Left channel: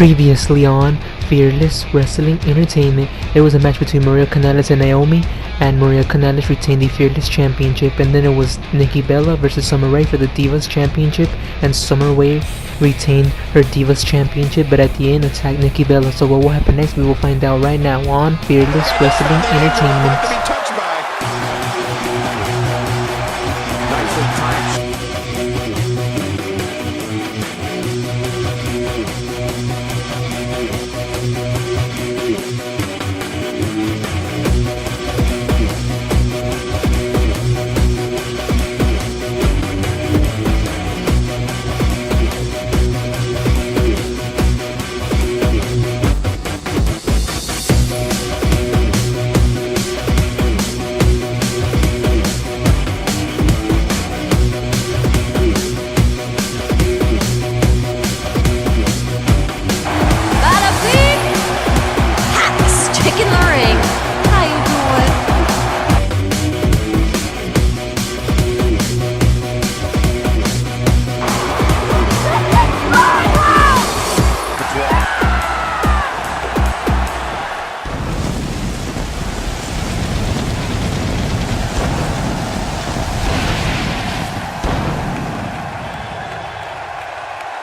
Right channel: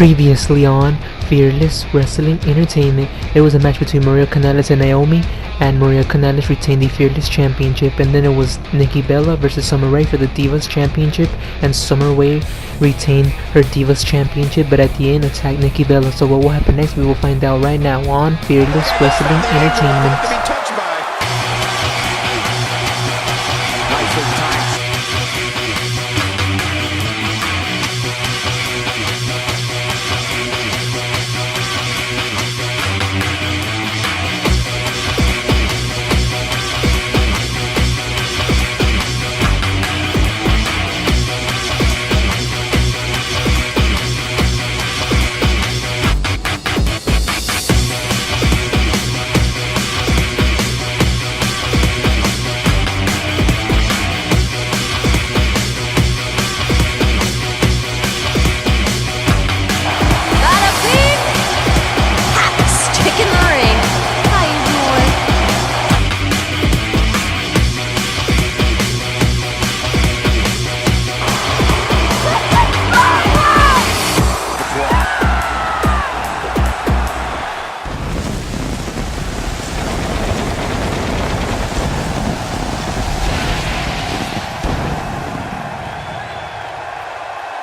Previously on Fearless Wrestling Entertainment, there was a match between Maria Kanellis and Naomi, and Maria Kanellis retained the Fearless Championship. And then it was Nikki Bella versus Summer Rae for the Divas Championship, and Summer Rae retained her Divas Championship, but at the end attacked Nikki Bella. So what will happen next, we will find out right now on Fearless Wrestling Entertainment. Nicely timed.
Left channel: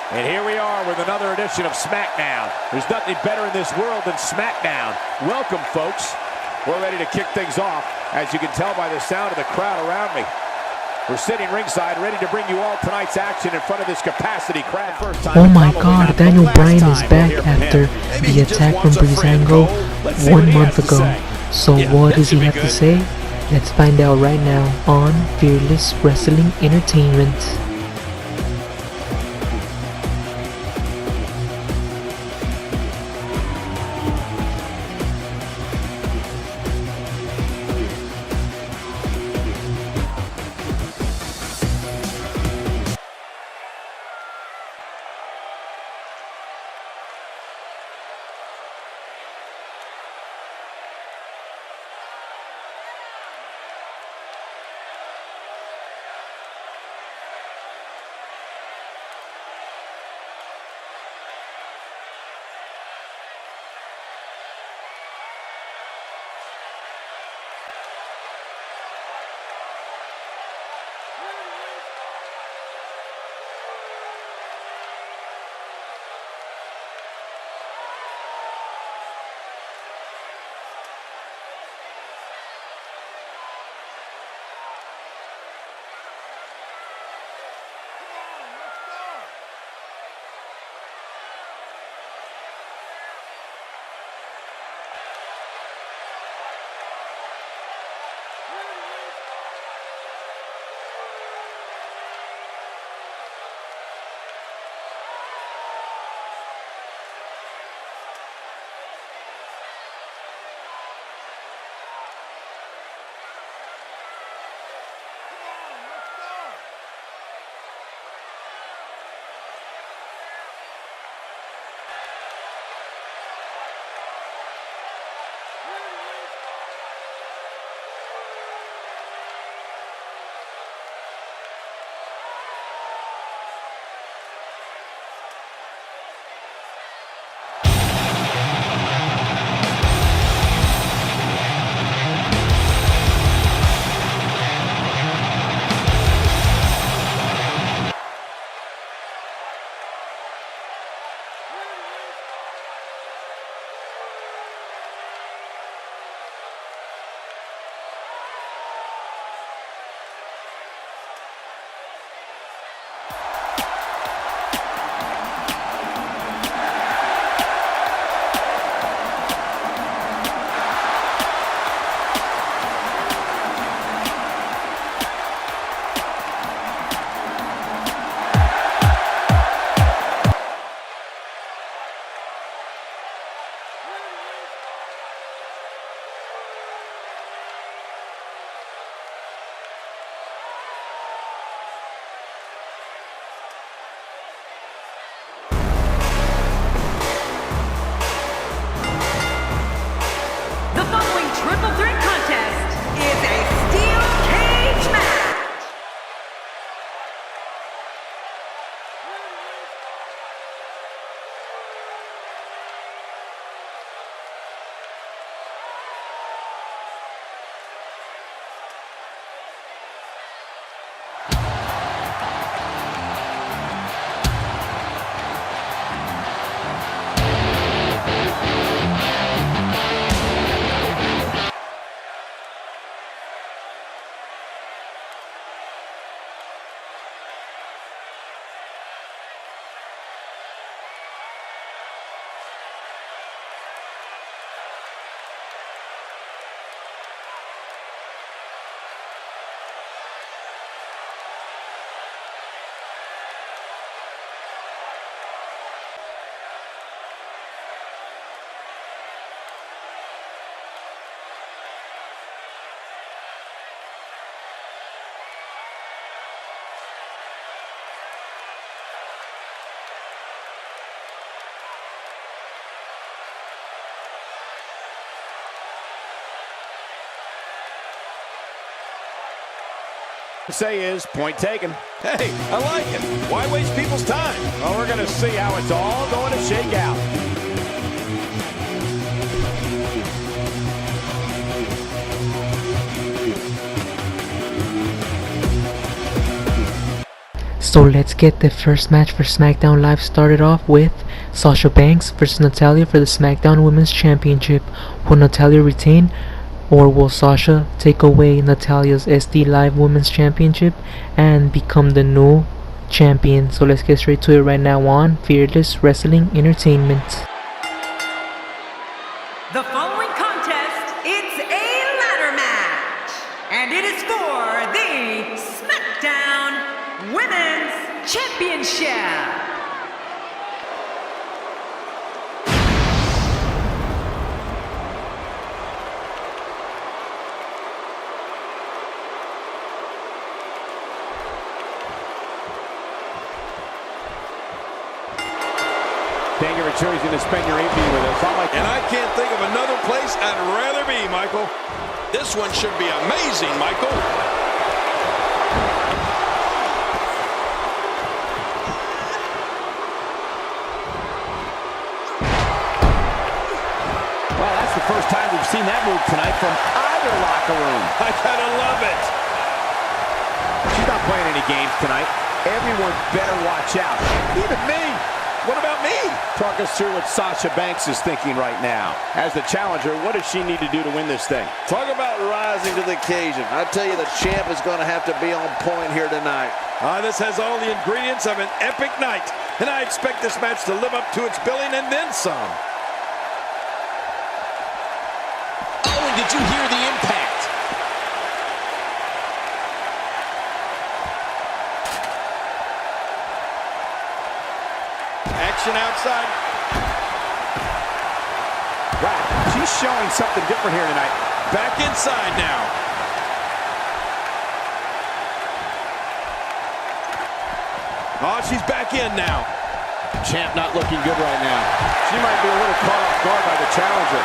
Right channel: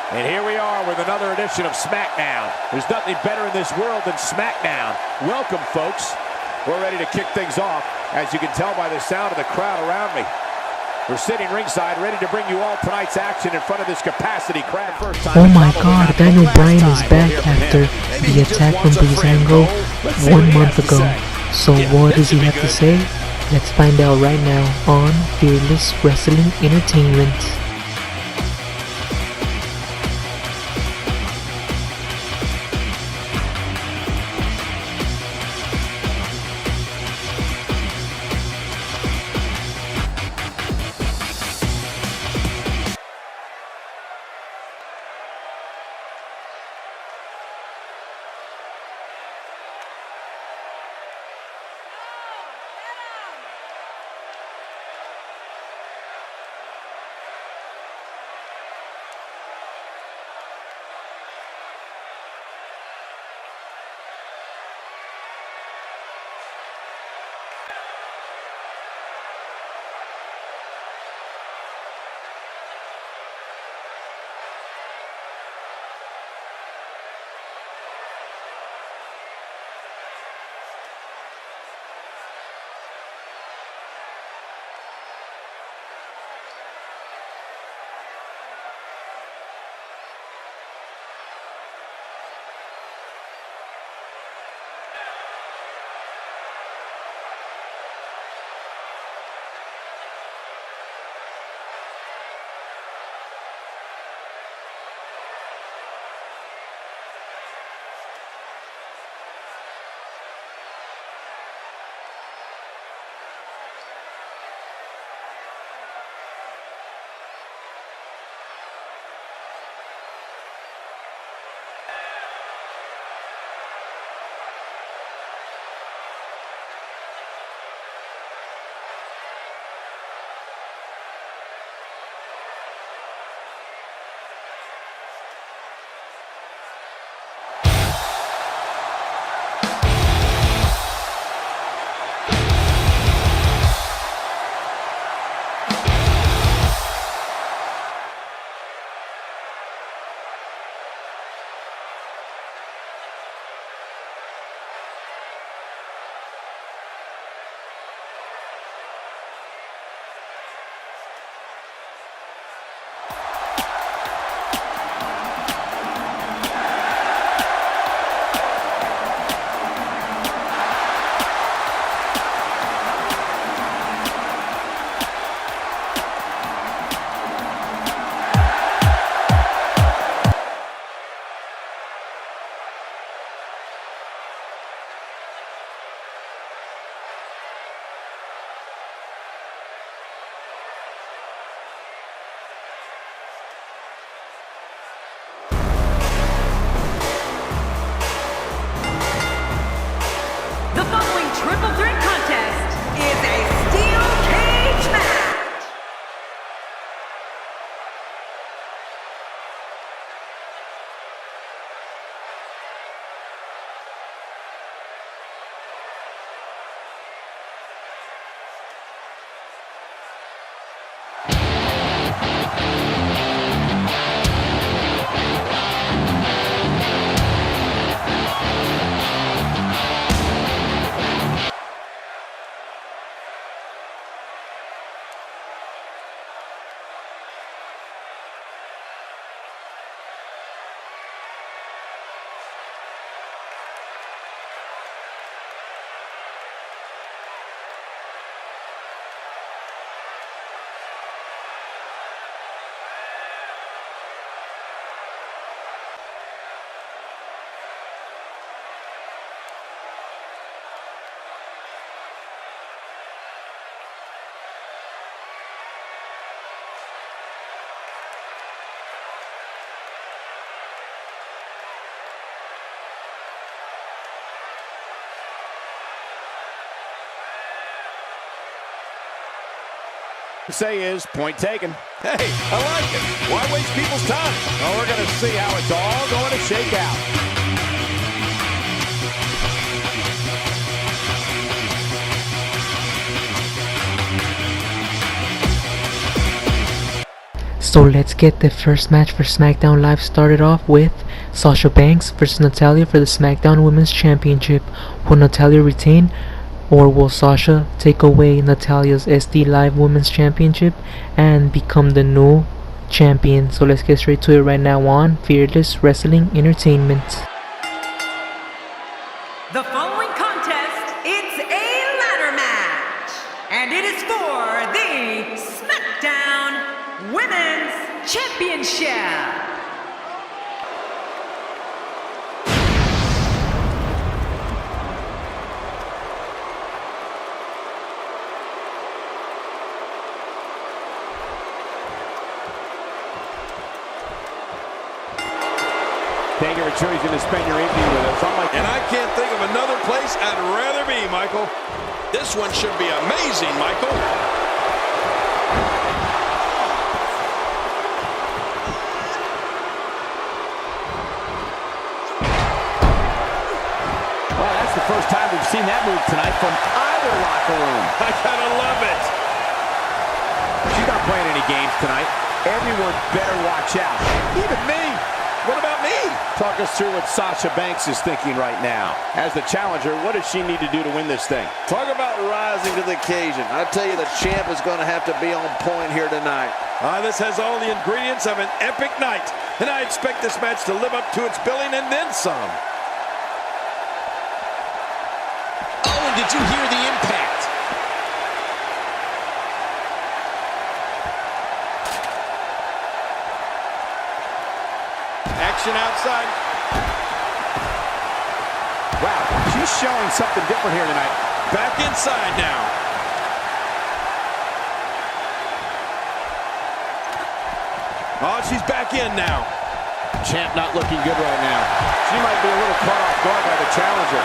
And here we are with another edition of SmackDown. There's nothing better in this world than SmackDown. Welcome, folks. We're ready to kick things off, as you can tell by the sound of the crowd around me. We're sitting ringside, ready to bring you all tonight's action in front of this capacity crowd. Oh my god, Daniel Bryan is back after the attack from Breezango 1 month ago. So what does he have to say? Let's find out right now on Fearless Wrestling Entertainment. Say is point taken. Hey, I like it. Why waste people's time? Well, we're going to see how it's all going to shake out. So let's get the first match for SmackDown Live started off with Sasha Banks versus Natalya for the SmackDown Women's Championship. Will Natalya retain, or will Sasha take away Natalya's SD Live Women's Championship and become the new champion? So let's get straight to it right now on Fearless Wrestling Entertainment. The following contest, it's a ladder match, and it is for the SmackDown Women's Championship. Thank you for choosing to spend your evening with us. And I can't think of another place I'd rather be, Michael. This one should be amazing, Michael. Well, that's the first time we've seen that move tonight from either locker room. I gotta love it. She's not playing any games tonight. Everyone better watch out. Even me. What about me? Talk us through what Sasha Banks is thinking right now. As the challenger, what does she need to do to win this thing? Talk about rising to the occasion. I tell you, the champ is going to have to be on point here tonight. This has all the ingredients of an epic night, and I expect this match to live up to its billing and then some. Oh, and did you hear the impact? Action outside. Wow, she's showing something different here tonight. Back inside now. Oh, she's back in now. Champ not looking good right now. She might be a little caught off guard by the challenger.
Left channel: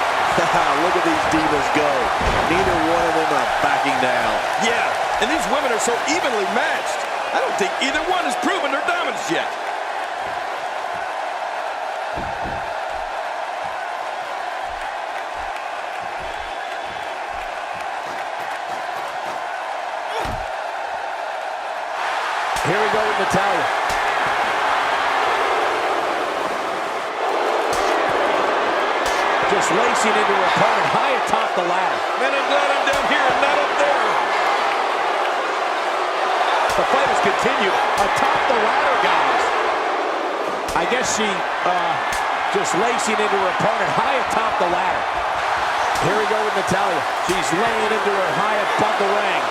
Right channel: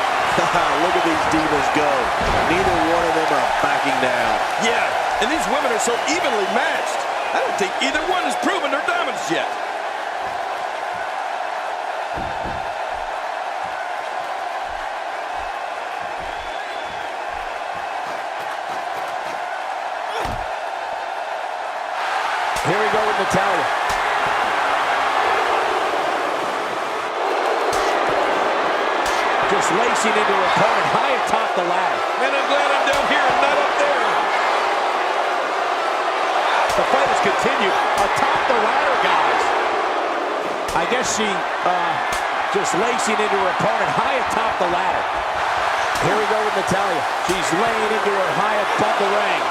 Look at these divas go. Neither one of them are backing down. Yeah, and these women are so evenly matched. I don't think either one has proven their dominance yet. Here we go with Natalya. Just lacing into her opponent high atop the ladder. Man, I'm glad I'm down here and not up there. The fight has continued atop the ladder, guys. I guess she just lacing into her opponent high atop the ladder. Here we go with Natalya. She's laying into her high above the ring.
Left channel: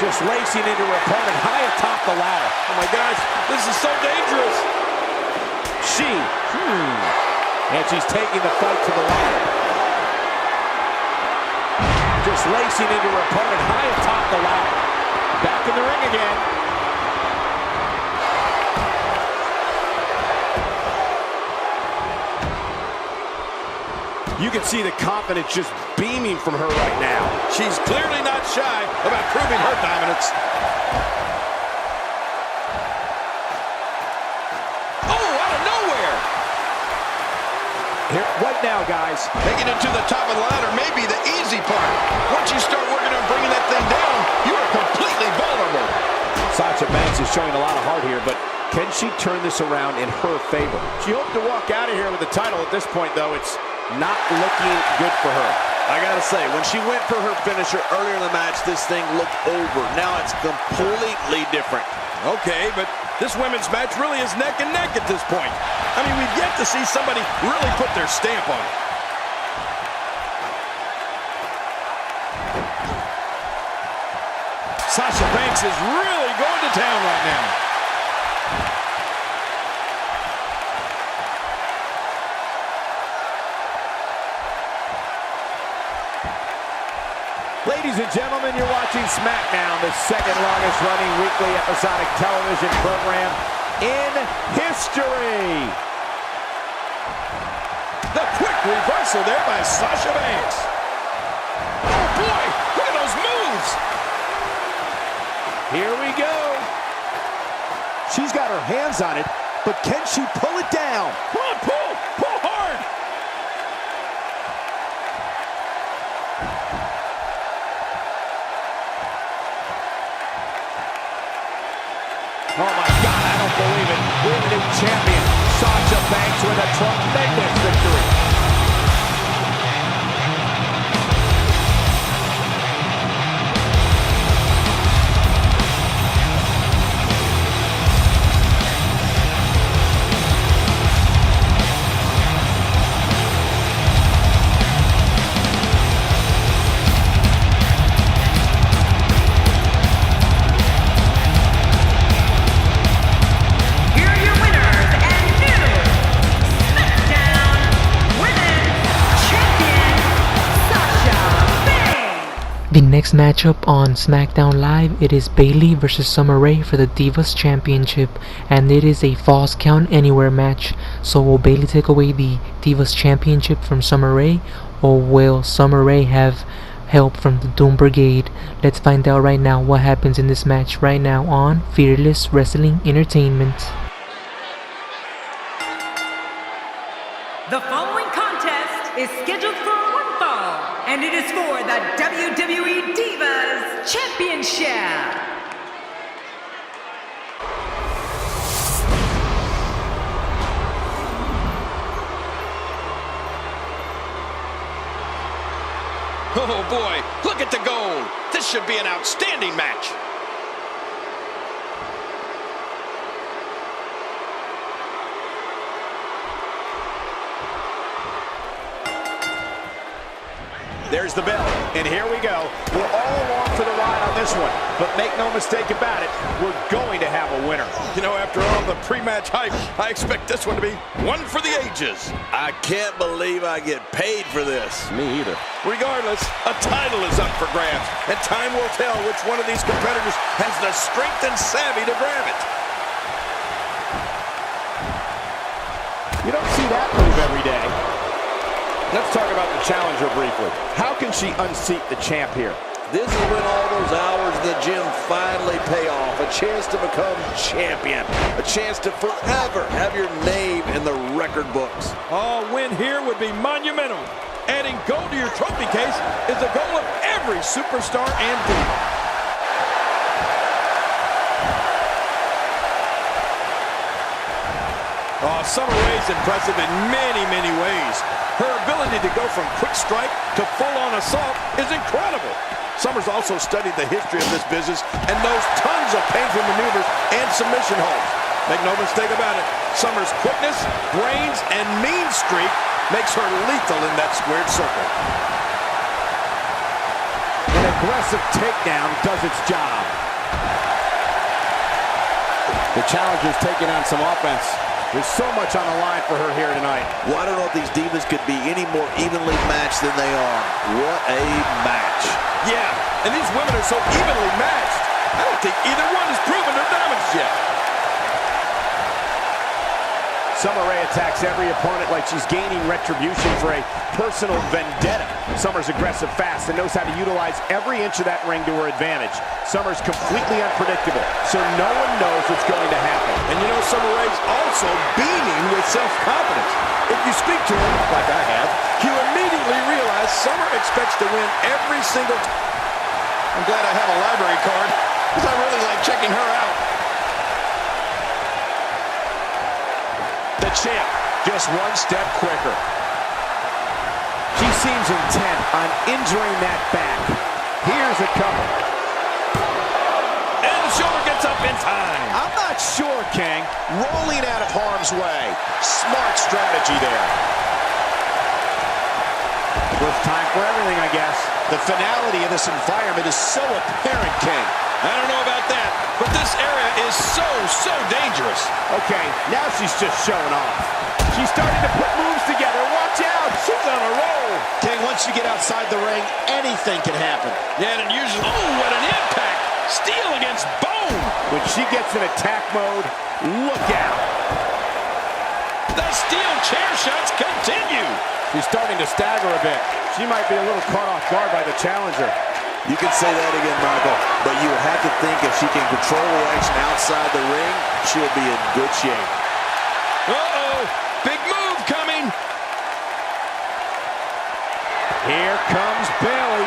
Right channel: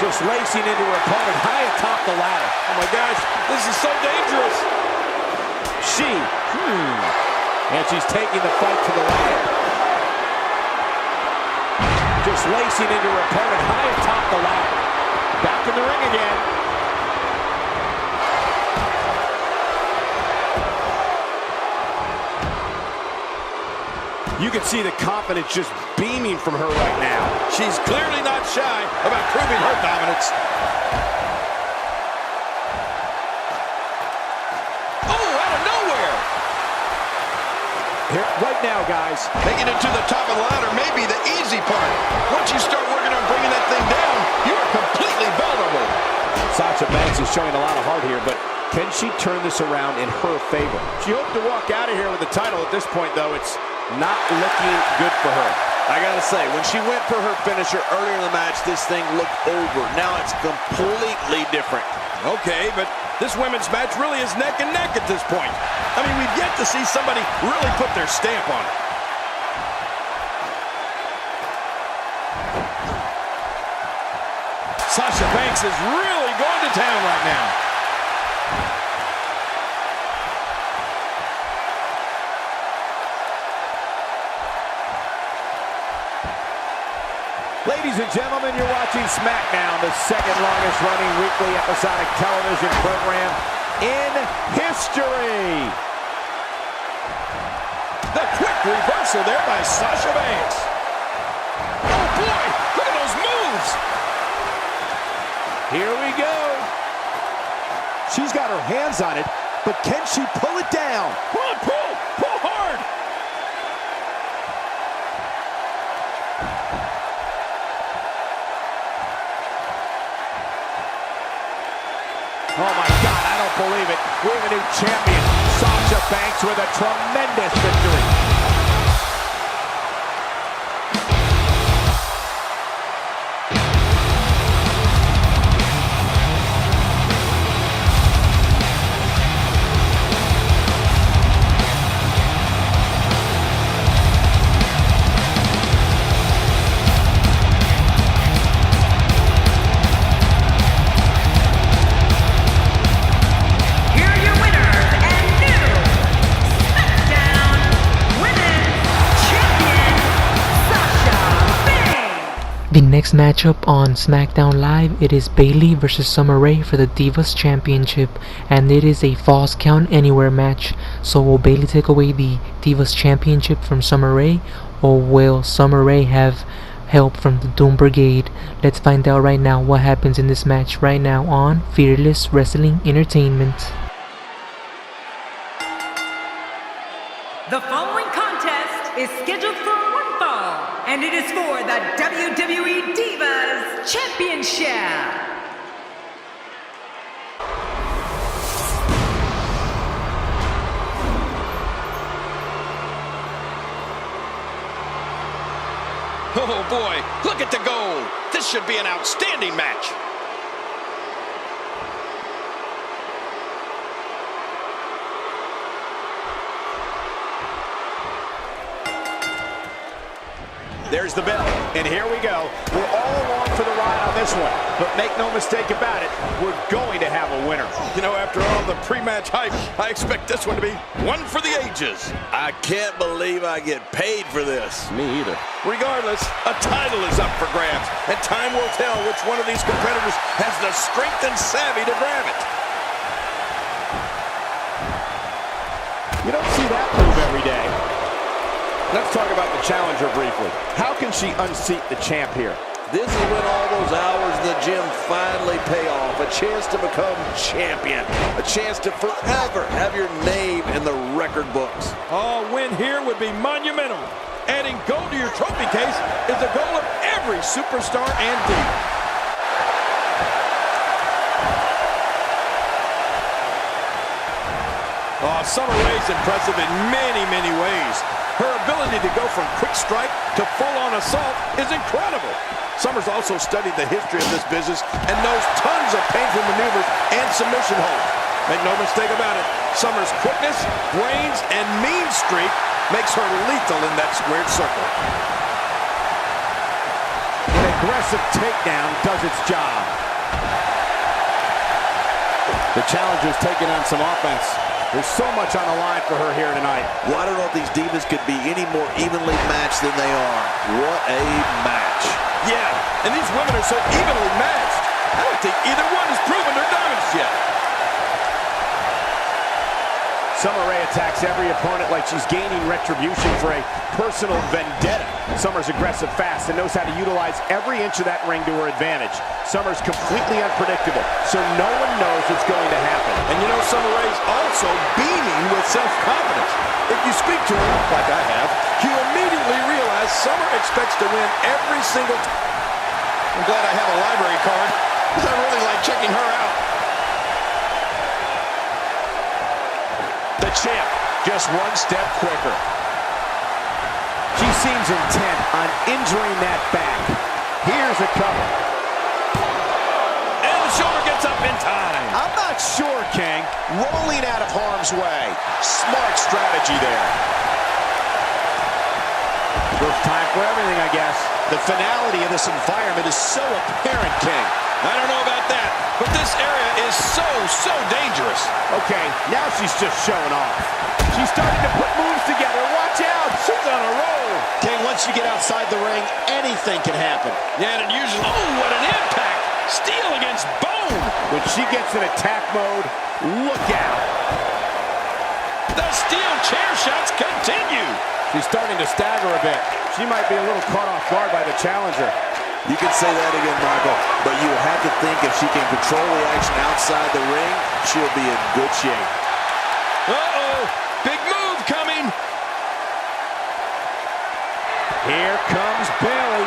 Just lacing into her opponent high atop the ladder. Oh my gosh, this is so dangerous. And she's taking the fight to the ladder. Just lacing into her opponent high atop the ladder. Back in the ring again. You can see the confidence just beaming from her right now. She's clearly not shy about proving her dominance. Oh, out of nowhere! Here, right now, guys. Making it to the top of the ladder may be the easy part. Once you start working on bringing that thing down, you are completely vulnerable. Sasha Banks is showing a lot of heart here, but can she turn this around in her favor? She hoped to walk out of here with the title. At this point, though, it's not looking good for her. I gotta say, when she went for her finisher earlier in the match, this thing looked over. Now it's completely different. Okay, but this women's match really is neck and neck at this point. I mean, we've yet to see somebody really put their stamp on it. Sasha Banks is really going to town right now. Ladies and gentlemen, you're watching SmackDown, the second longest running weekly episodic television program in history. The quick reversal there by Sasha Banks. Oh boy, look at those moves. Here we go. She's got her hands on it, but can she pull it down? Come on, pull! Pull hard! Oh my God, I don't believe it. We have a new champion. Sasha Banks with a tremendous victory. The next matchup on SmackDown Live, it is Bayley versus Summer Rae for the Divas Championship, and it is a Falls Count Anywhere match. So will Bayley take away the Divas Championship from Summer Rae, or will Summer Rae have help from the Doom Brigade? Let's find out right now what happens in this match right now on Fearless Wrestling Entertainment. The following contest is scheduled for one fall, and it is for the WWE Divas Championship. Oh boy, look at the gold. This should be an outstanding match. There's the bell, and here we go. We're all along for the ride on this one, but make no mistake about it, we're going to have a winner. You know, after all the pre-match hype, I expect this one to be one for the ages. I can't believe I get paid for this. Me either. Regardless, a title is up for grabs, and time will tell which one of these competitors has the strength and savvy to grab it. You don't see that move every day. Let's talk about the challenger briefly. How can she unseat the champ here? This is when all those hours in the gym finally pay off. A chance to become champion. A chance to forever have your name in the record books. A win here would be monumental. Adding gold to your trophy case is the goal of every superstar and diva. Oh, Summer Rae's impressive in many, many ways. Her ability to go from quick strike to full-on assault is incredible. Summer's also studied the history of this business and knows tons of painful maneuvers and submission holds. Make no mistake about it, Summer's quickness, brains, and mean streak makes her lethal in that squared circle. An aggressive takedown does its job. The challenger's taking on some offense. There's so much on the line for her here tonight. Well, I don't know if these divas could be any more evenly matched than they are. What a match. Yeah, and these women are so evenly matched. I don't think either one has proven their dominance yet. Summer Rae attacks every opponent like she's gaining retribution for a personal vendetta. Summer's aggressive fast and knows how to utilize every inch of that ring to her advantage. Summer's completely unpredictable, so no one knows what's going to happen. And you know, Summer Rae's also beaming with self-confidence. If you speak to her, like I have, you immediately realize Summer expects to win every single time. I'm glad I have a library card, because I really like checking her out. The champ, just one step quicker. She seems intent on injuring that back. Here's a cover. And the shoulder gets up in time. I'm not sure, King. Rolling out of harm's way. Smart strategy there. First time for everything, I guess. The finality of this environment is so apparent, King. I don't know about that, but this area is so dangerous. Okay, now she's just showing off. She's starting to put moves together. Watch out, she's on a roll. King, once you get outside the ring, anything can happen. Yeah, and it usually, oh, what an impact. Steel against bone. When she gets in attack mode, look out. The steel chair shots continue. She's starting to stagger a bit. She might be a little caught off guard by the challenger. You can say that again, Michael, but you have to think if she can control the action outside the ring, she'll be in good shape. Uh-oh, big move coming. Here comes Bayley.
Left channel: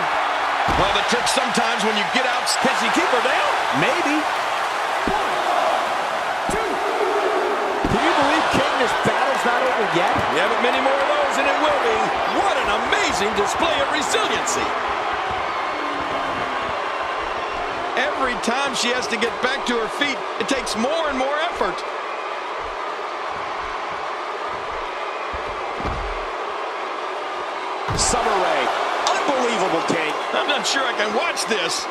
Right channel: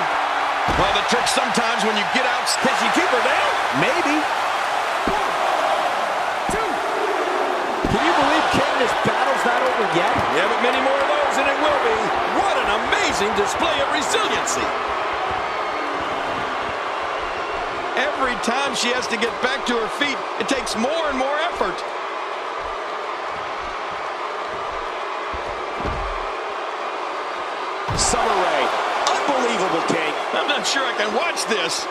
Well, the trick sometimes when you get out, can she keep her down? Maybe. 1, 2. Can you believe, King, this battle's not over yet? Yeah, but many more of those, and it will be. What an amazing display of resiliency. Every time she has to get back to her feet, it takes more and more effort. Summer Rae, unbelievable, King. I'm not sure I can watch this.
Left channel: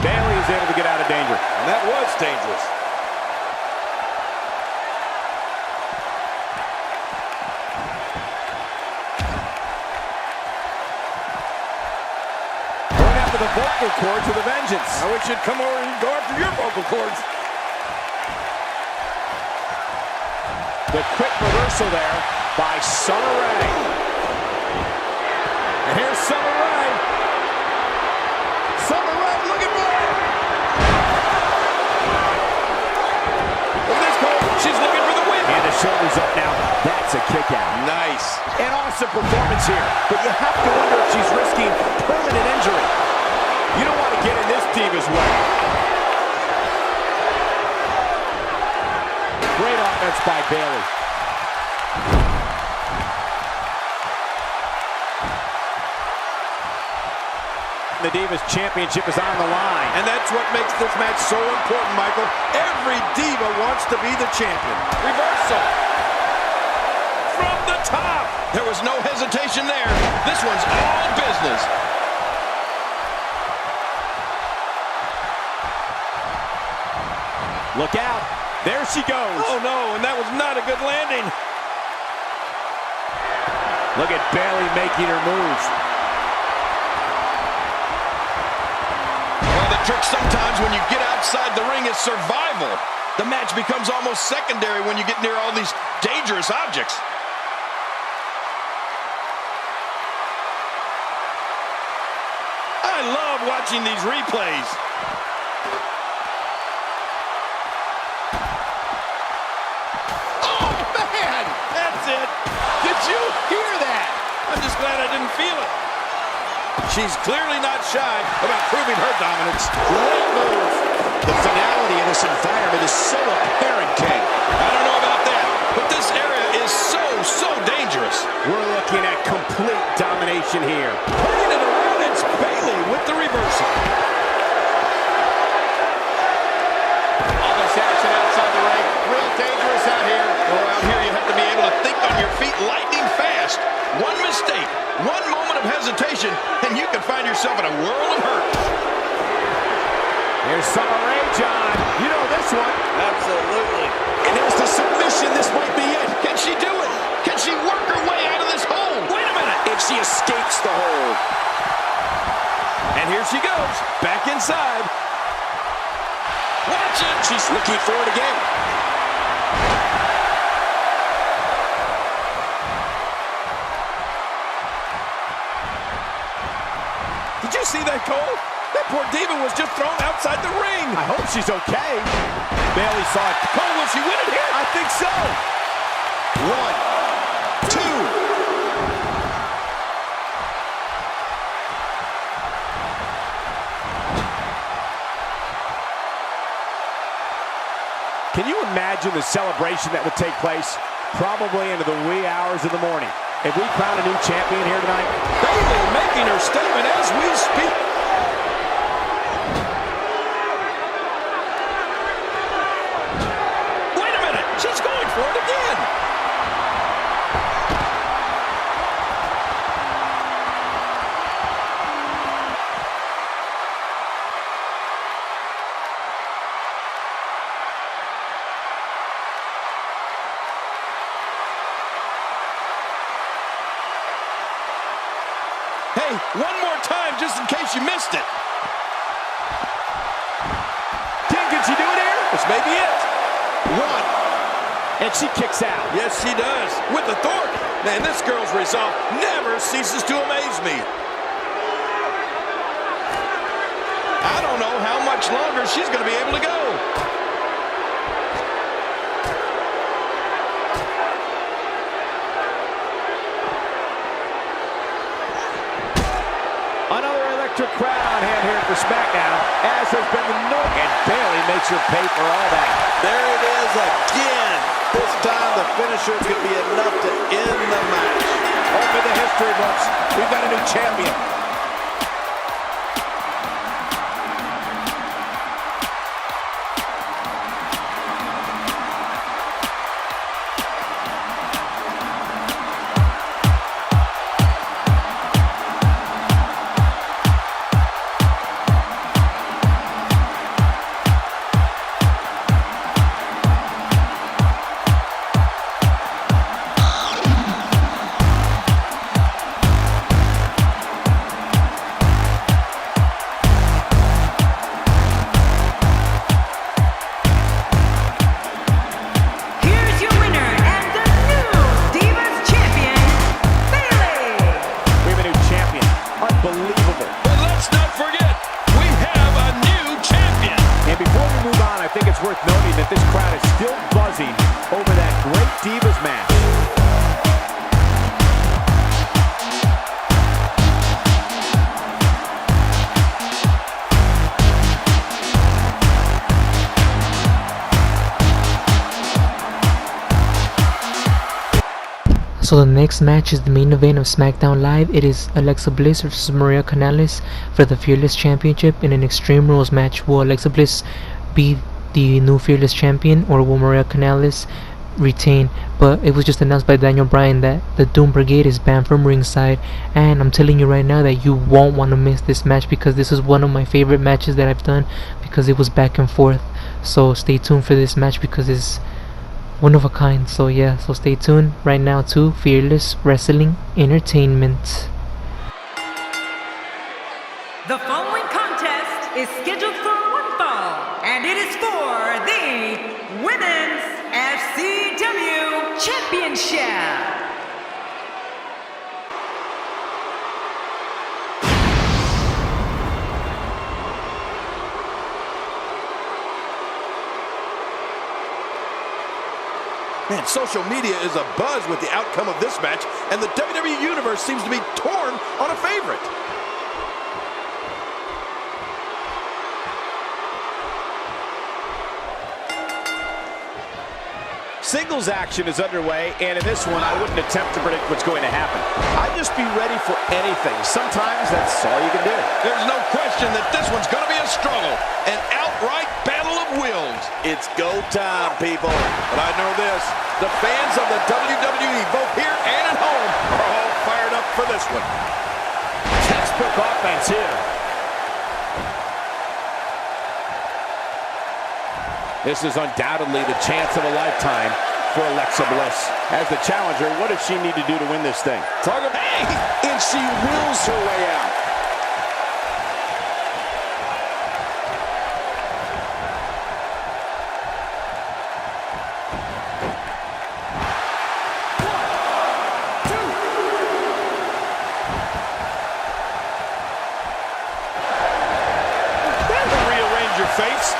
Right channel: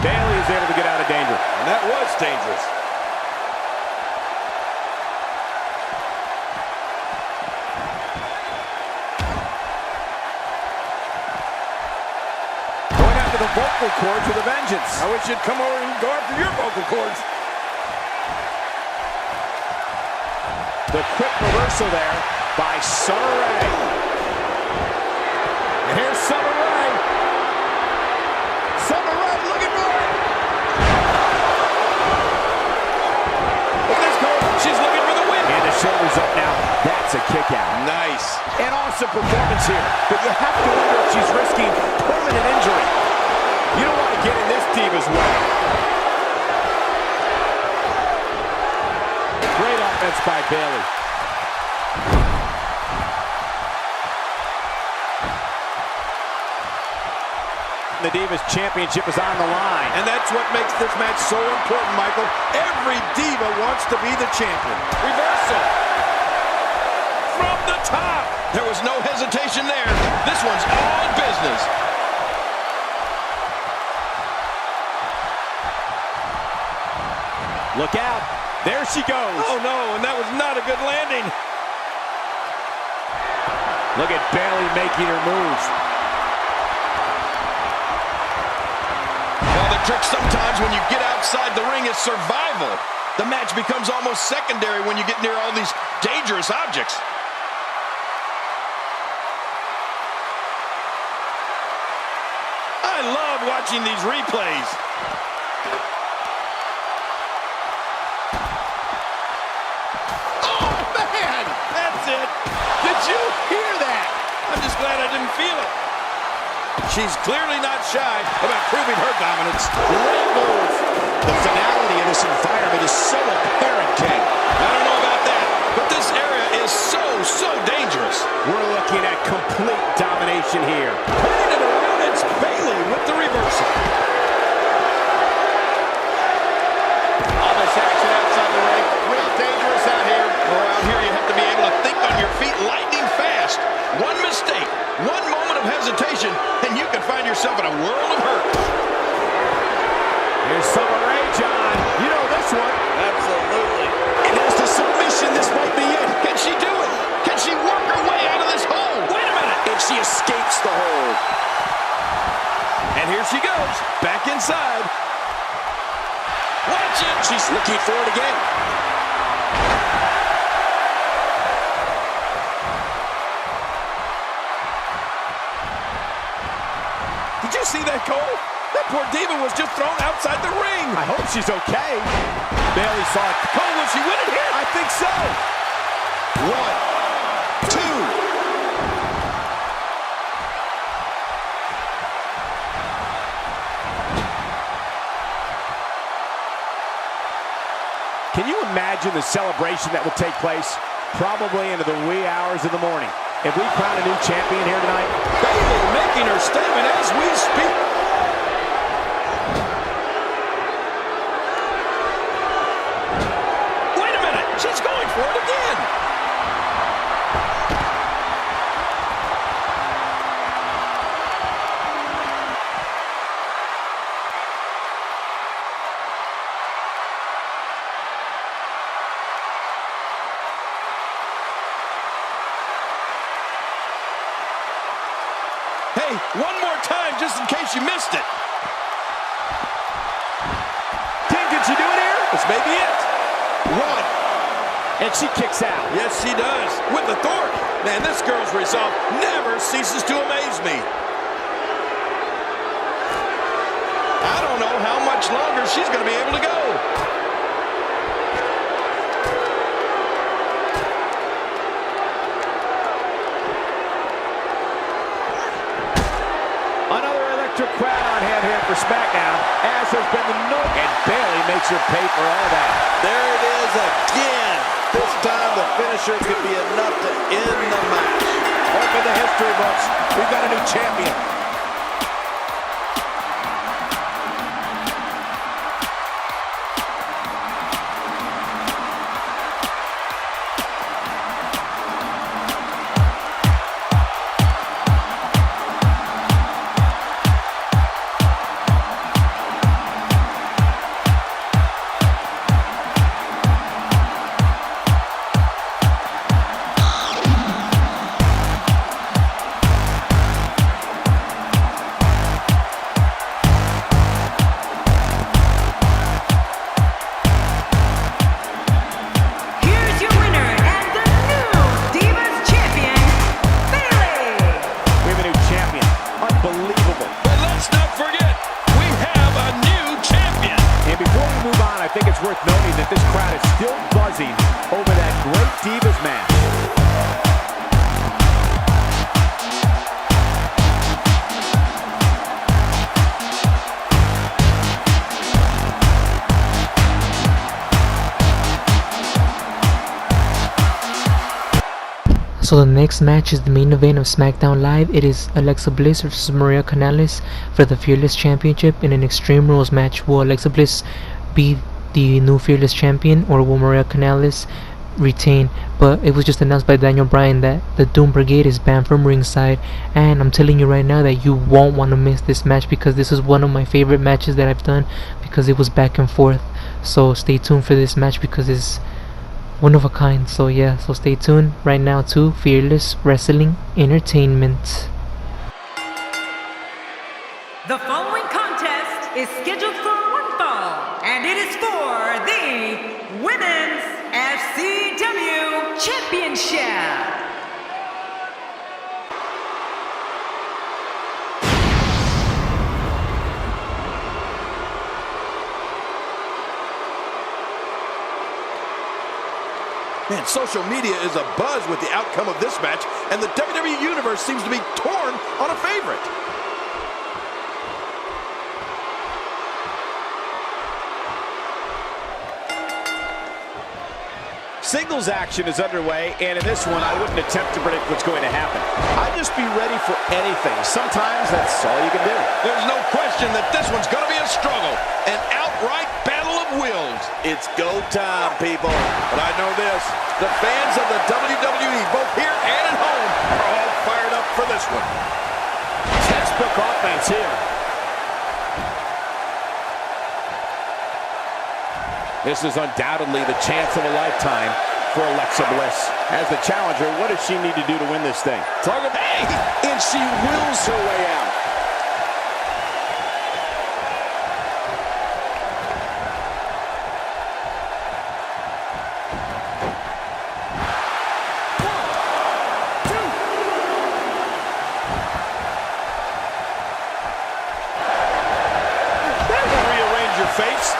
Bayley is able to get out of danger. And that was dangerous. Going after the vocal cords with a vengeance. I wish you'd come over and go after your vocal cords. The quick reversal there by Summer Rae. And here's Summer Rae. Summer Rae looking for it. Look at this, Cole. She's looking for the win. And the shoulders up now. That's a kick out. Nice. An awesome performance here. But you have to wonder if she's risking permanent injury. You don't want to get in this Diva's way. Great offense by Bayley. The Divas Championship is on the line. And that's what makes this match so important, Michael. Every Diva wants to be the champion. Reversal. From the top. There was no hesitation there. This one's all business. Look out. There she goes. Oh, no, and that was not a good landing. Look at Bayley making her move. Well, the trick sometimes when you get outside the ring is survival. The match becomes almost secondary when you get near all these dangerous objects. I love watching these replays. Oh, man! That's it. Did you hear that? I'm just glad I didn't feel it. She's clearly not shy about proving her dominance. Great move. The finality of this environment is so apparent, King. I don't know about that, but this area is so dangerous. We're looking at complete domination here. Turning it around, it's Bayley with the reversal. All this action outside the ring, real dangerous out here. Oh, out here you have to be able to think on your feet lightning fast. One mistake, one moment of hesitation, and you can find yourself in a world of hurt. Here's Summer Rae, John. You know this one. Absolutely. And there's the submission. This might be it. Can she do it? Can she work her way out of this hole? Wait a minute. And she escapes the hold. And here she goes, back inside. Watch it. She's looking for it again. Did you see that, Cole? That poor Diva was just thrown outside the ring. I hope she's okay. Bayley saw it. Cole, will she win it here? I think so. 1, 2. Can you imagine the celebration that will take place? Probably into the wee hours of the morning. If we crown a new champion here tonight. Bayley making her statement as we speak. Wait a minute. She's going for it again. Hey, one more time just in case you missed it. King, can she do it here? This may be it. 1. And she kicks out. Yes, she does. With authority. Man, this girl's resolve never ceases to amaze me. I don't know how much longer she's going to be able to go. Another electric crowd on hand here for SmackDown, as has been the norm. And Bayley makes her pay for all that. There it is again. This time the finisher could be enough to end the match. Open the history books. We've got a new champion. Worth noting that this crowd is still buzzing over that great Divas match. So the next match is the main event of SmackDown Live. It is Alexa Bliss versus Maria Kanellis for the Fearless Championship in an Extreme Rules match. Will Alexa Bliss be the new Fearless Champion, or will Maria Kanellis retain? But it was just announced by Daniel Bryan that the Doom Brigade is banned from ringside, and I'm telling you right now that you won't want to miss this match, because this is one of my favorite matches that I've done, because it was back and forth. So stay tuned for this match, because it's one of a kind. So yeah, so stay tuned right now to Fearless Wrestling Entertainment. The following contest is scheduled for one fall, and it is for the Women's FCW Championship. Man, social media is abuzz with the outcome of this match, and the WWE Universe seems to be torn on a favorite. Singles action is underway, and in this one, I wouldn't attempt to predict what's going to happen. I'd just be ready for anything. Sometimes that's all you can do. There's no question that this one's going to be a struggle, an outright battle of wills. It's go time, people. But I know this, the fans of the WWE, both here and at home, are all fired up for this one. Textbook offense here. This is undoubtedly the chance of a lifetime for Alexa Bliss. As the challenger, what does she need to do to win this thing? Target, hey! And she wills her way out. That will rearrange your face.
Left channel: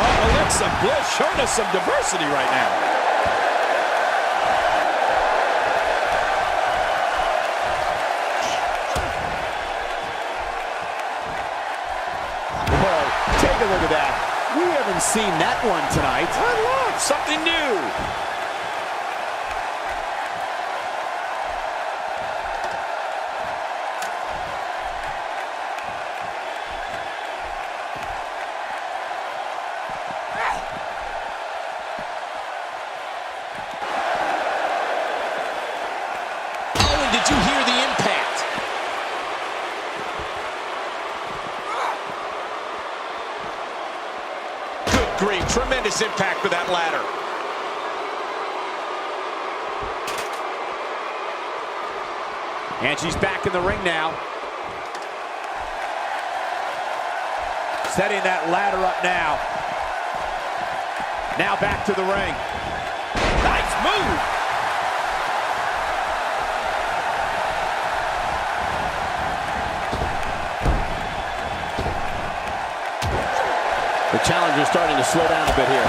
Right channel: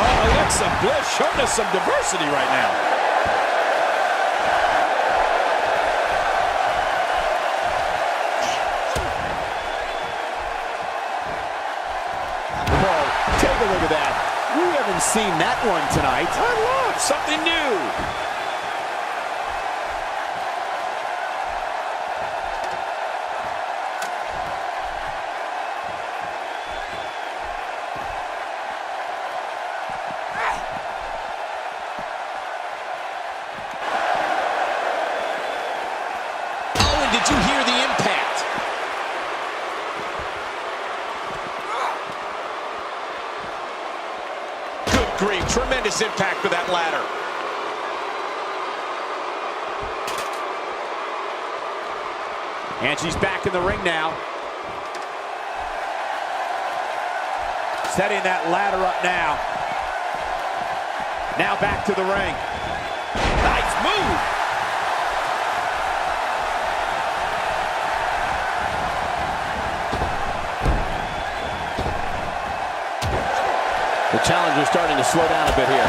Alexa Bliss showing us some diversity right now. Whoa, take a look at that. We haven't seen that one tonight. I love something new. Did you hear the impact? Good grief, tremendous impact with that ladder. And she's back in the ring now. Setting that ladder up now. Now back to the ring. Nice move. The challenger's starting to slow down a bit here.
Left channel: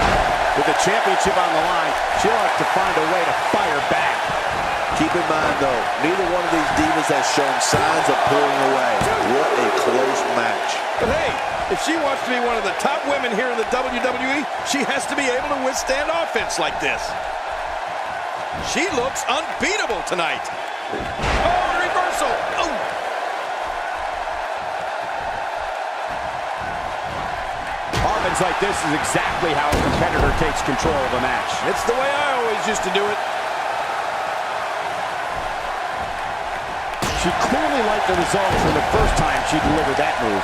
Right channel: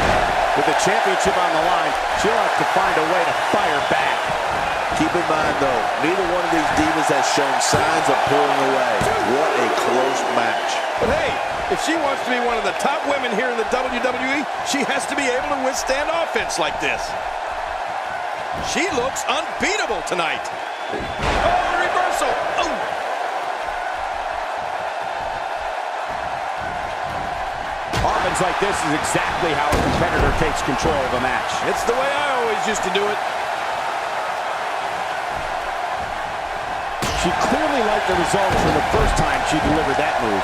With the championship on the line, she'll have to find a way to fire back. Keep in mind, though, neither one of these divas has shown signs of pulling away. What a close match. But hey, if she wants to be one of the top women here in the WWE, she has to be able to withstand offense like this. She looks unbeatable tonight. Oh, reversal. Oh. Offense like this is exactly how a competitor takes control of a match. It's the way I always used to do it. She clearly liked the results from the first time she delivered that move.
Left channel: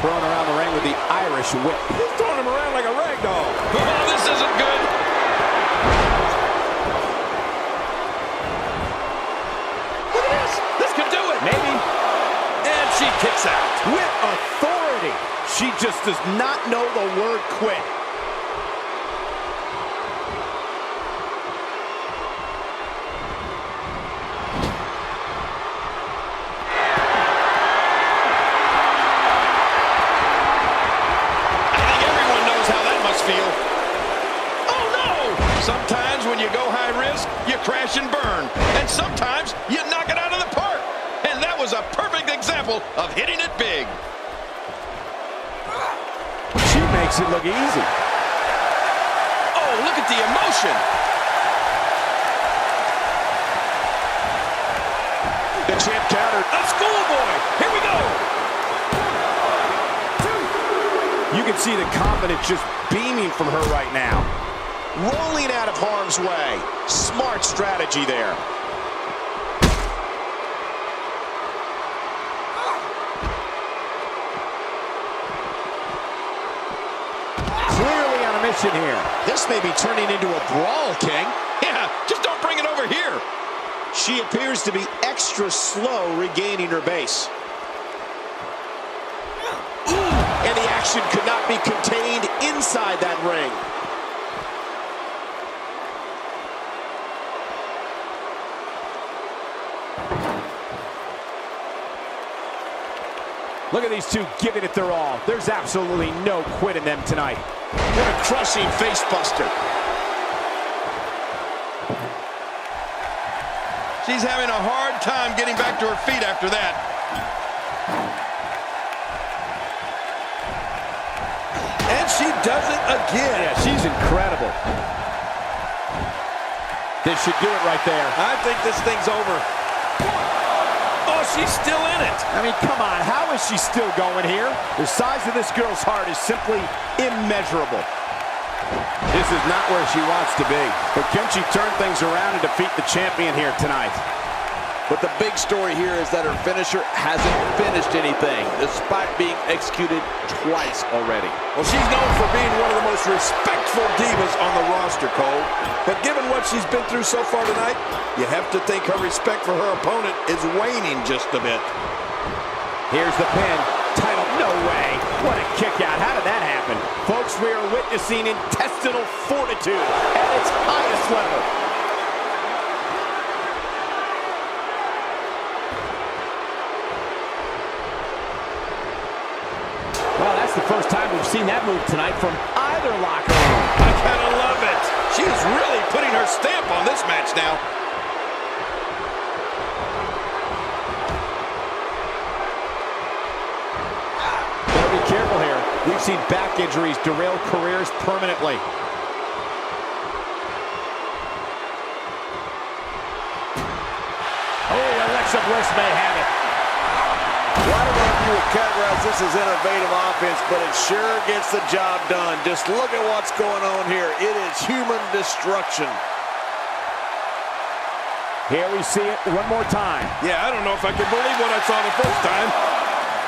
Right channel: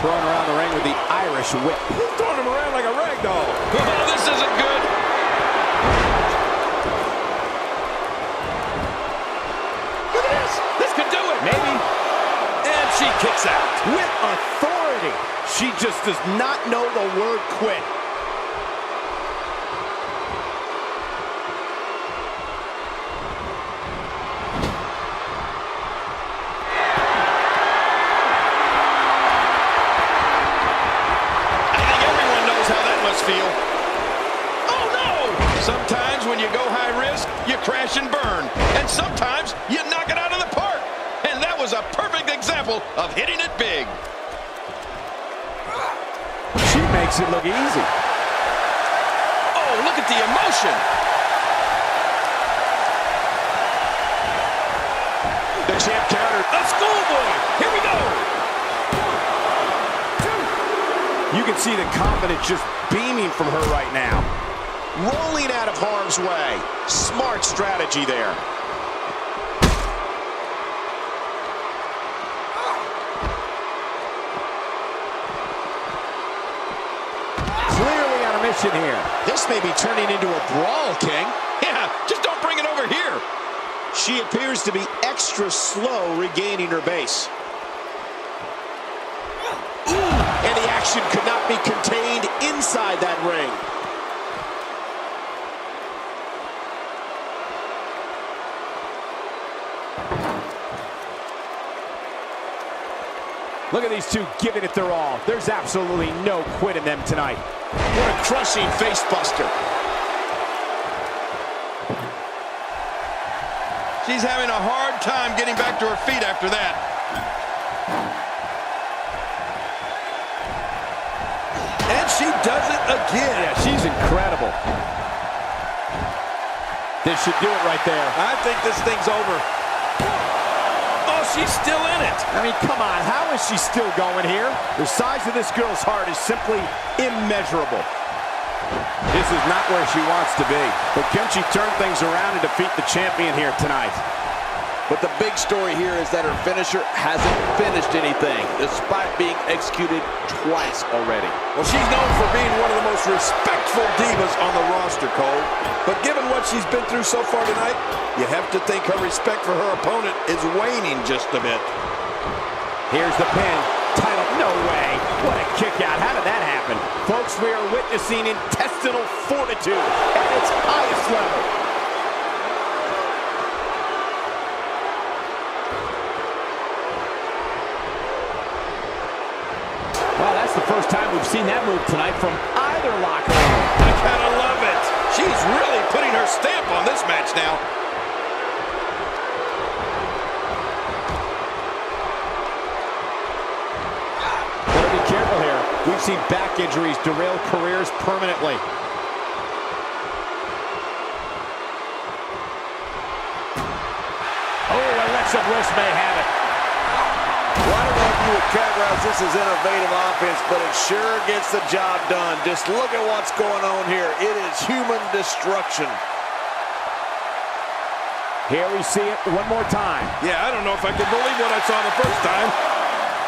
Throwing around the ring with the Irish whip. He's throwing him around like a rag doll. Oh, this isn't good. Look at this. This could do it. Maybe. And she kicks out. With authority. She just does not know the word quit. Feel. Oh no! Sometimes when you go high risk, you crash and burn. And sometimes you knock it out of the park. And that was a perfect example of hitting it big. She makes it look easy. Oh, look at the emotion. The champ countered. A schoolboy. Here we go. You can see the confidence just beaming from her right now. Rolling out of harm's way. Smart strategy there. Clearly on a mission here. This may be turning into a brawl, King. Yeah, just don't bring it over here. She appears to be extra slow regaining her base. And the action could not be contained inside that ring. Look at these two giving it their all. There's absolutely no quit in them tonight. What a crushing face buster. She's having a hard time getting back to her feet after that. And she does it again. Yeah, she's incredible. This should do it right there. I think this thing's over. Oh, she's still in it. I mean, come on. How is she still going here? The size of this girl's heart is simply immeasurable. This is not where she wants to be. But can she turn things around and defeat the champion here tonight? But the big story here is that her finisher hasn't finished anything, despite being executed twice already. Well, she's known for being one of the most respectful divas on the roster, Cole. But given what she's been through so far tonight, you have to think her respect for her opponent is waning just a bit. Here's the pin. Title, no way. What a kick out. How did that happen? Folks, we are witnessing intestinal fortitude at its highest level. Well, that's the first time we've seen that move tonight from either locker room. I kind of love it. She's really putting her stamp on this match now. Better be careful here. We've seen back injuries derail careers permanently. Oh, Alexa Bliss may have it. Well, I don't know if you would categorize this as innovative offense, but it sure gets the job done. Just look at what's going on here. It is human destruction. Here we see it one more time. Yeah, I don't know if I can believe what I saw the first time.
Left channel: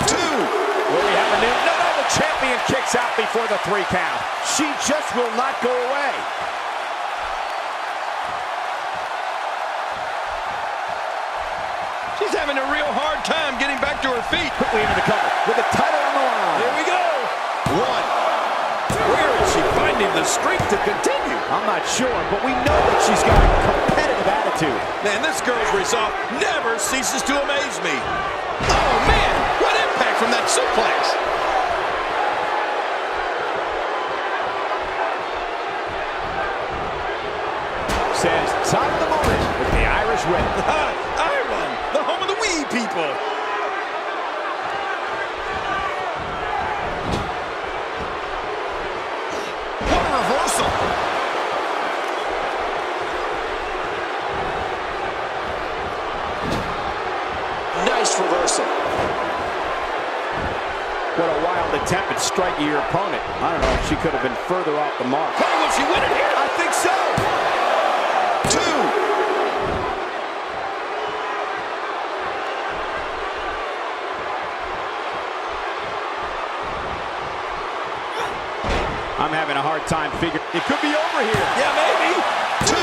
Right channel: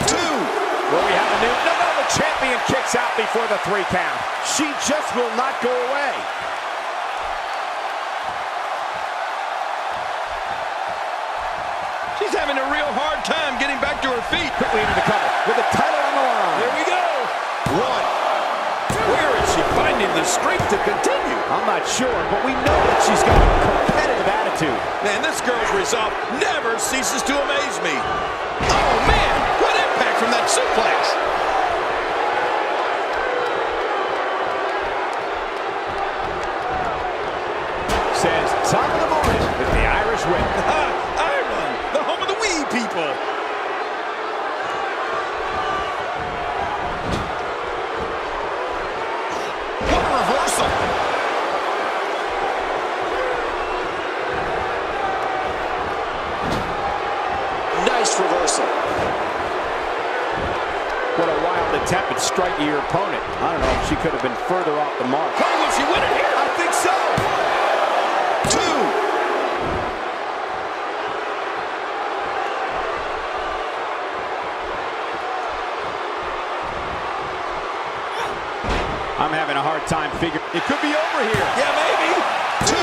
2. Will we have a new? No, the champion kicks out before the 3 count. She just will not go away. She's having a real hard time getting back to her feet. Quickly into the cover with the title on the line. Here we go. One. Where is she finding the strength to continue? I'm not sure, but we know that she's got a competitive attitude. Man, this girl's resolve never ceases to amaze me. Oh, man, what impact from that suplex. Says top of the morning with the Irish whip. Ireland, the home of the wee people. What a reversal. Nice reversal. What a wild attempt at striking your opponent. I don't know if she could have been further off the mark. Oh, will she win it here? I think so. 2. I'm having a hard time figuring. It could be over here. Yeah, maybe. 2.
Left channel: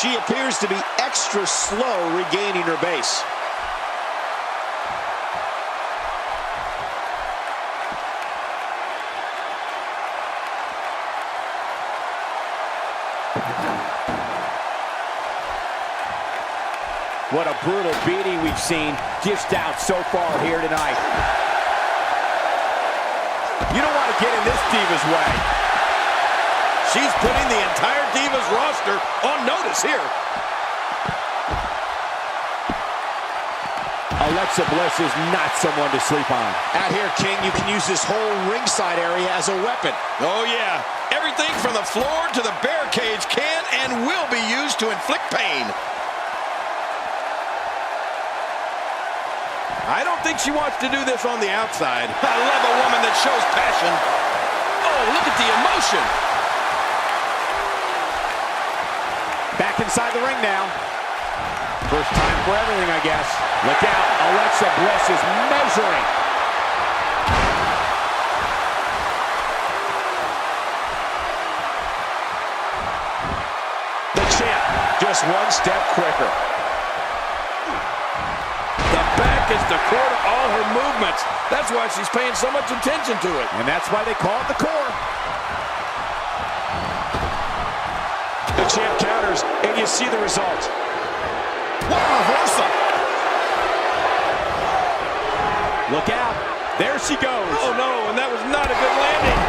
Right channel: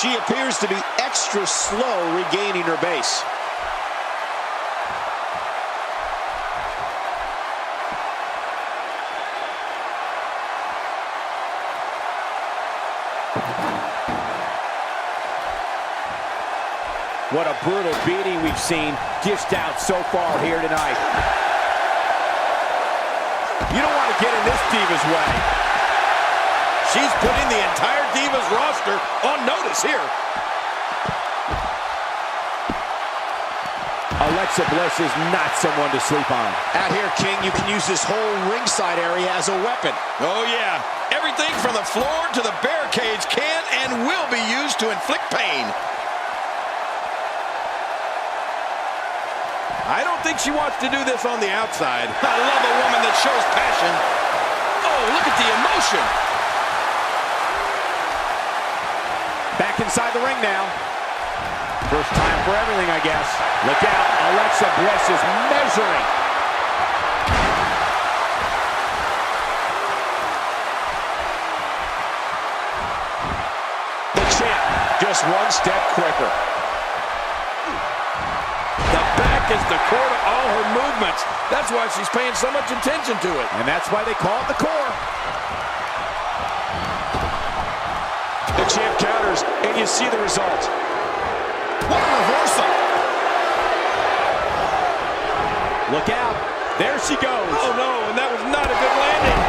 She appears to be extra slow regaining her base. What a brutal beating we've seen dished out so far here tonight. You don't want to get in this Diva's way. She's putting the entire Divas roster on notice here. Alexa Bliss is not someone to sleep on. Out here, King, you can use this whole ringside area as a weapon. Oh, yeah. Everything from the floor to the barricades can and will be used to inflict pain. I don't think she wants to do this on the outside. I love a woman that shows passion. Oh, look at the emotion. Back inside the ring now. First time for everything, I guess. Look out, Alexa Bliss is measuring. The champ, just one step quicker. The back is the core to all her movements. That's why she's paying so much attention to it. And that's why they call it the core. The champ counters, and you see the result. What a reversal! Look out. There she goes. Oh, no, and that was not a good landing.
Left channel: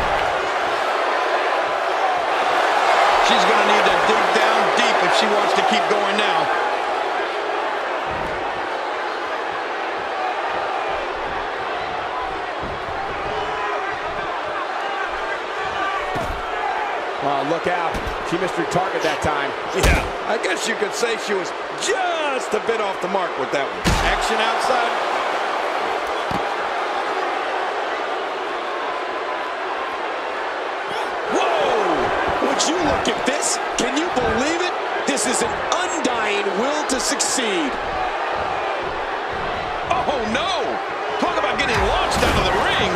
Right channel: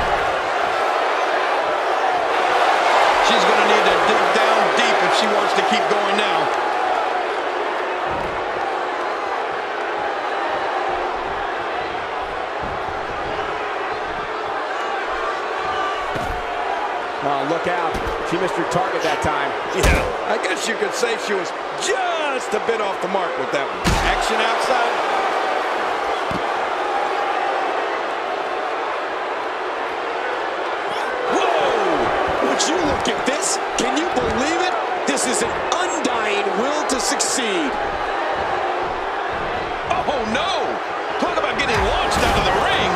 She's going to need to dig down deep if she wants to keep going now. Oh, look out. She missed her target that time. Yeah, I guess you could say she was just a bit off the mark with that one. Action outside. Whoa! Would you look at this? Can you believe it? This is an undying will to succeed. Oh, no! Talk about getting launched out of the ring.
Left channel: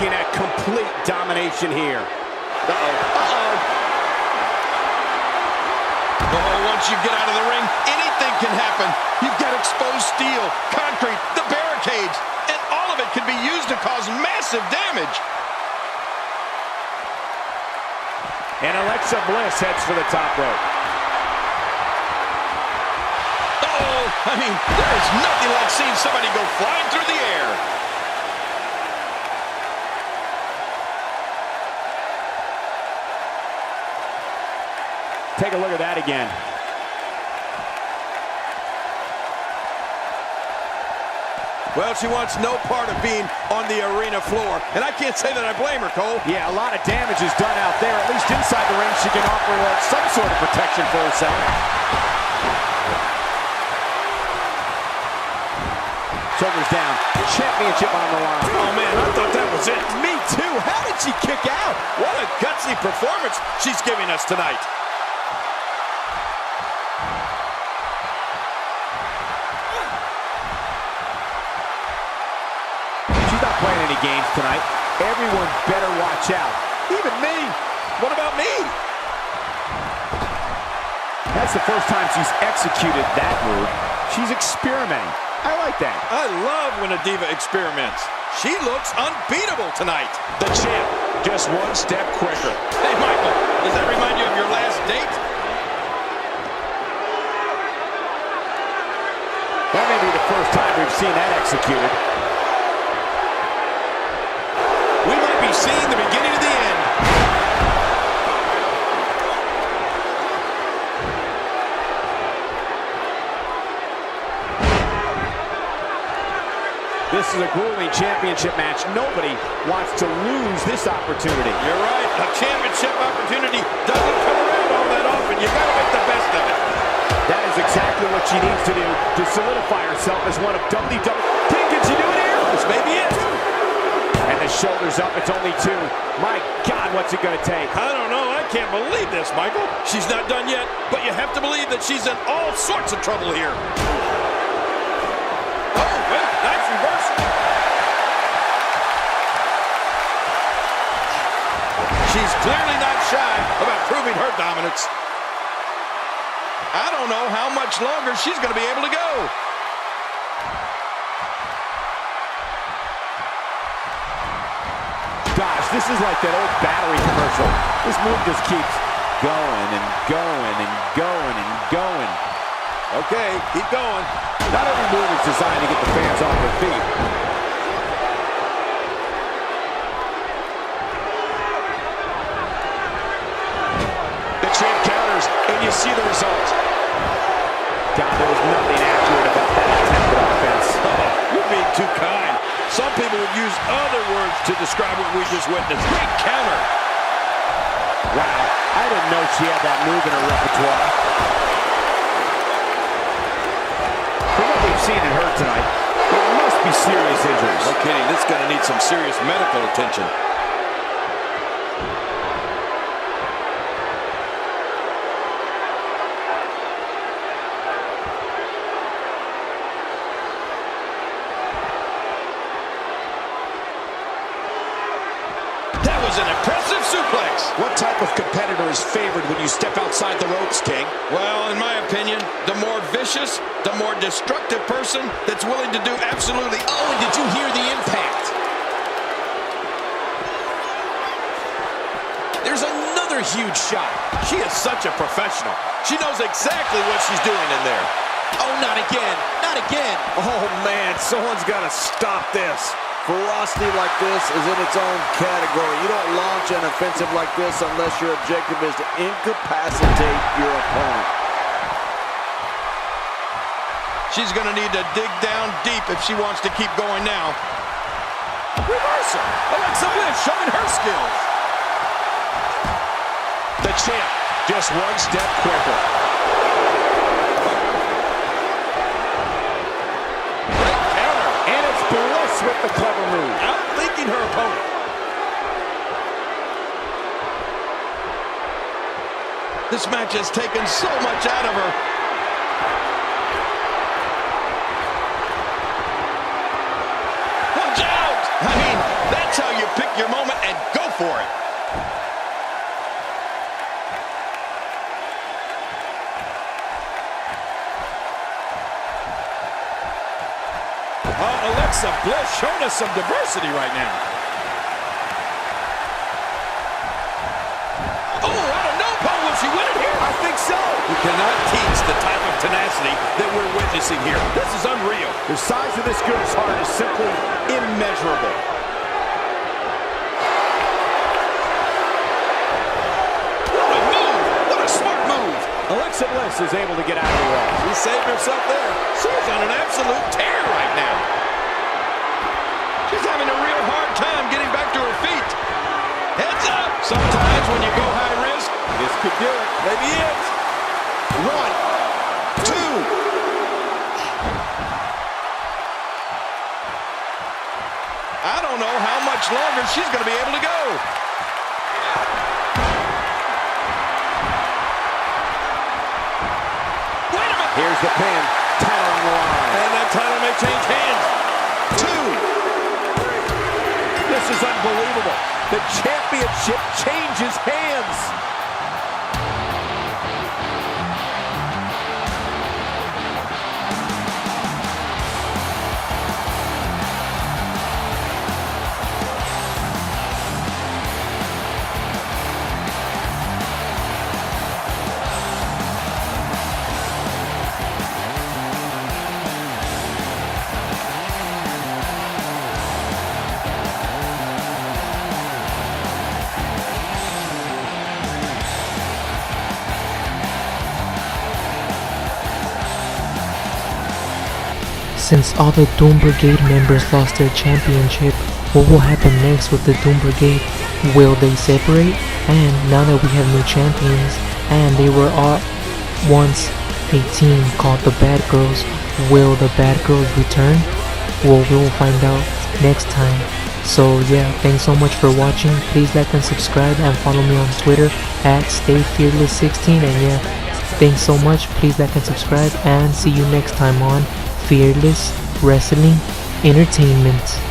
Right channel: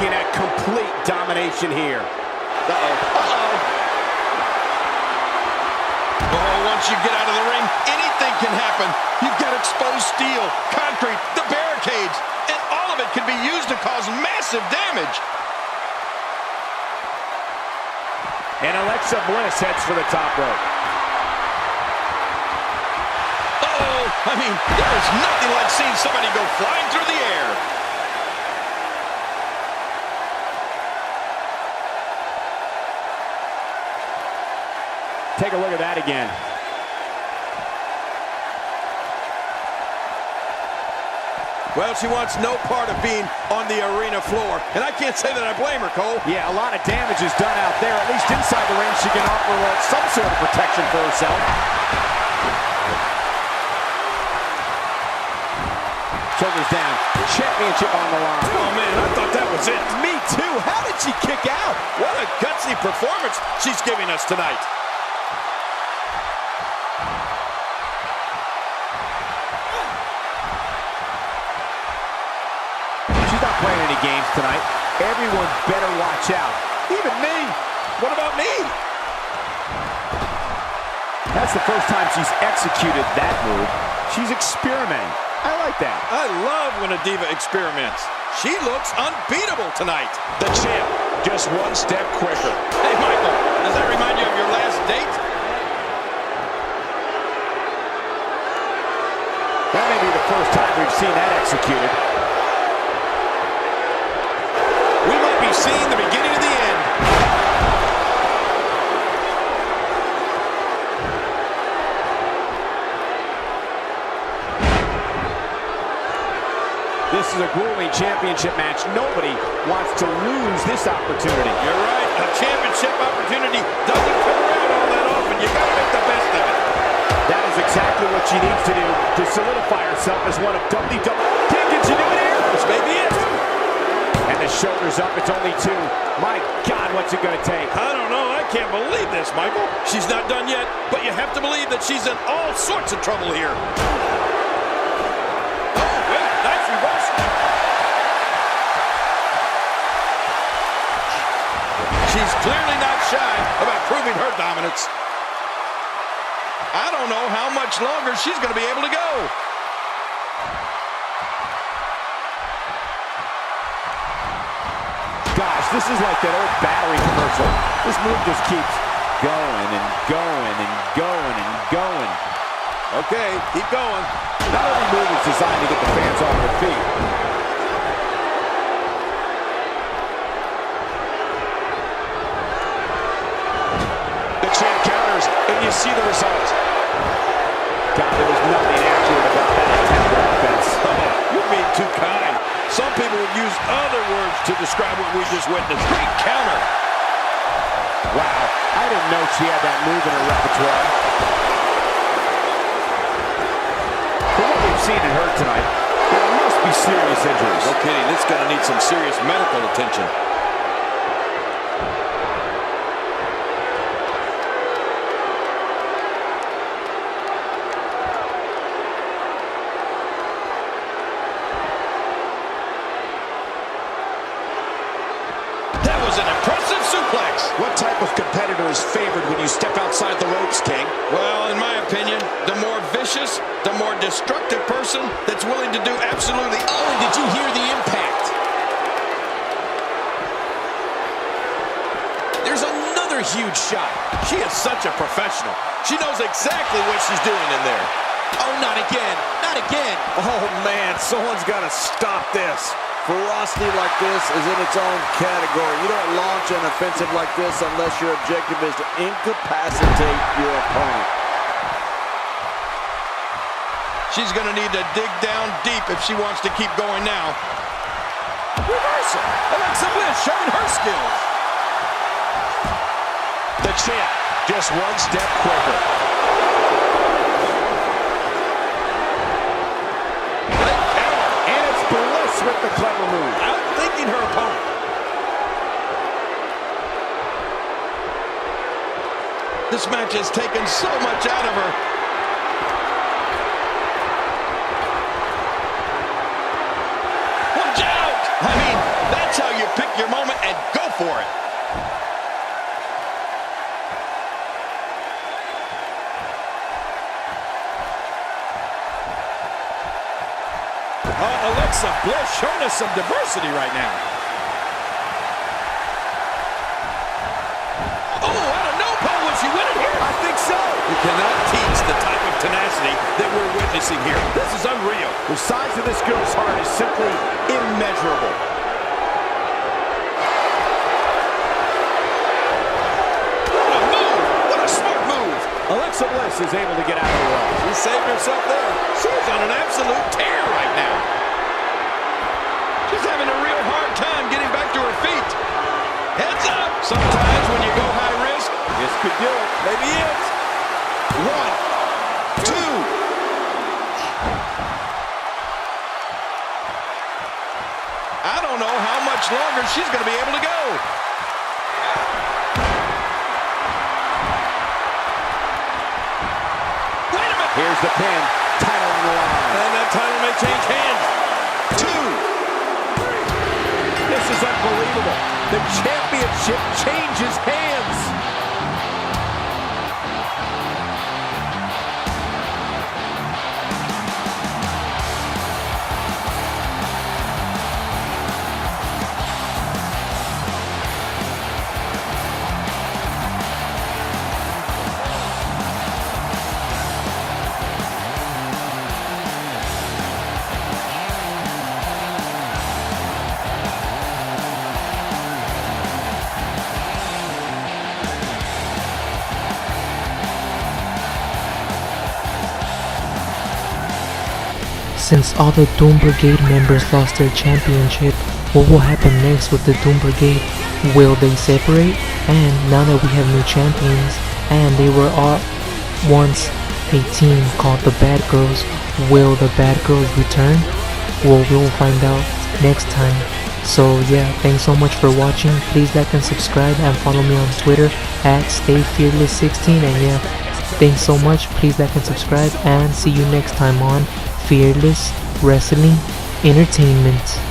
Looking at complete domination here. Oh, once you get out of the ring, anything can happen. You've got exposed steel, concrete, the barricades, and all of it can be used to cause massive damage. And Alexa Bliss heads for the top rope. Uh-oh, I mean, there is nothing like seeing somebody go flying through the air. Take a look at that again. Well, she wants no part of being on the arena floor, and I can't say that I blame her, Cole. Yeah, a lot of damage is done out there. At least inside the ring, she can offer some sort of protection for herself. Shoulders down. Championship on the line. Oh, man, I thought that was it. Me too. How did she kick out? What a gutsy performance she's giving us tonight. She's not playing any games tonight. Everyone better watch out. Even me. What about me? That's the first time she's executed that move. She's experimenting. I like that. I love when a diva experiments. She looks unbeatable tonight. The champ, just one step quicker. Hey, Michael, does that remind you of your last date? That may be the first time we've seen that executed. We might be seeing the beginning of the end. This is a grueling championship match. Nobody wants to lose this opportunity. You're right. A championship opportunity doesn't come around all that often. You got to make the best of it. That is exactly what she needs to do to solidify herself as one of WWE. Can she do it here? This may be it. And the shoulders up. It's only two. My God, what's it going to take? I don't know. I can't believe this, Michael. She's not done yet, but you have to believe that she's in all sorts of trouble here. Oh, wait. Nice reversal. She's clearly not shy about proving her dominance. I don't know how much longer she's going to be able to go. Gosh, this is like that old battery commercial. This move just keeps going and going and going and going. Okay, keep going. Not every move is designed to get the fans off their feet. The champ counters, and you see the result. God, there was nothing accurate about that attempted offense. Oh, you're being too kind. Some people would use other words to describe what we just witnessed. Great counter. Wow, I didn't know she had that move in her repertoire. For what we've seen and heard tonight, there must be serious injuries. No kidding, this is going to need some serious medical attention. That was an impressive suplex. What type of competitor is favored when you step outside the ropes, King? Well, in my opinion, the more vicious, the more destructive person that's willing to do absolutely... Oh, and did you hear the impact? There's another huge shot. She is such a professional. She knows exactly what she's doing in there. Oh, not again. Not again. Oh, man, someone's got to stop this. Ferocity like this is in its own category. You don't launch an offensive like this unless your objective is to incapacitate your opponent. She's going to need to dig down deep if she wants to keep going now. Reversal. Alexa Bliss showing her skills. The champ, just one step quicker. Great counter. And it's Bliss with the clever move. Outthinking her opponent. This match has taken so much out of her. Watch out! I mean, that's how you pick your moment and go for it. Alexa Bliss showing us some diversity right now. Oh, out of no pole, will she win it here? I think so. You cannot teach the type of tenacity that we're witnessing here. This is unreal. The size of this girl's heart is simply immeasurable. What a move! What a smart move! Alexa Bliss is able to get out of the way. She saved herself there. She's on an absolute tear right now. She's having a real hard time getting back to her feet. Heads up! Sometimes when you go high risk, This could do it. maybe it. 1, 2. I don't know how much longer she's going to be able to go. Wait a minute. Here's the pin. Title on the line. And that title may change hands. 2. This is unbelievable. The championship changes hands. Since all the Doom Brigade members lost their championship, what will happen next with the Doom Brigade? Will they separate? And now that we have new champions, and they were all once a team called the Bad Girls, will the Bad Girls return? Well, we will find out next time. So yeah, thanks so much for watching. Please like and subscribe and follow me on Twitter at StayFearless16. And yeah, thanks so much. Please like and subscribe, and see you next time on Fearless Wrestling Entertainment.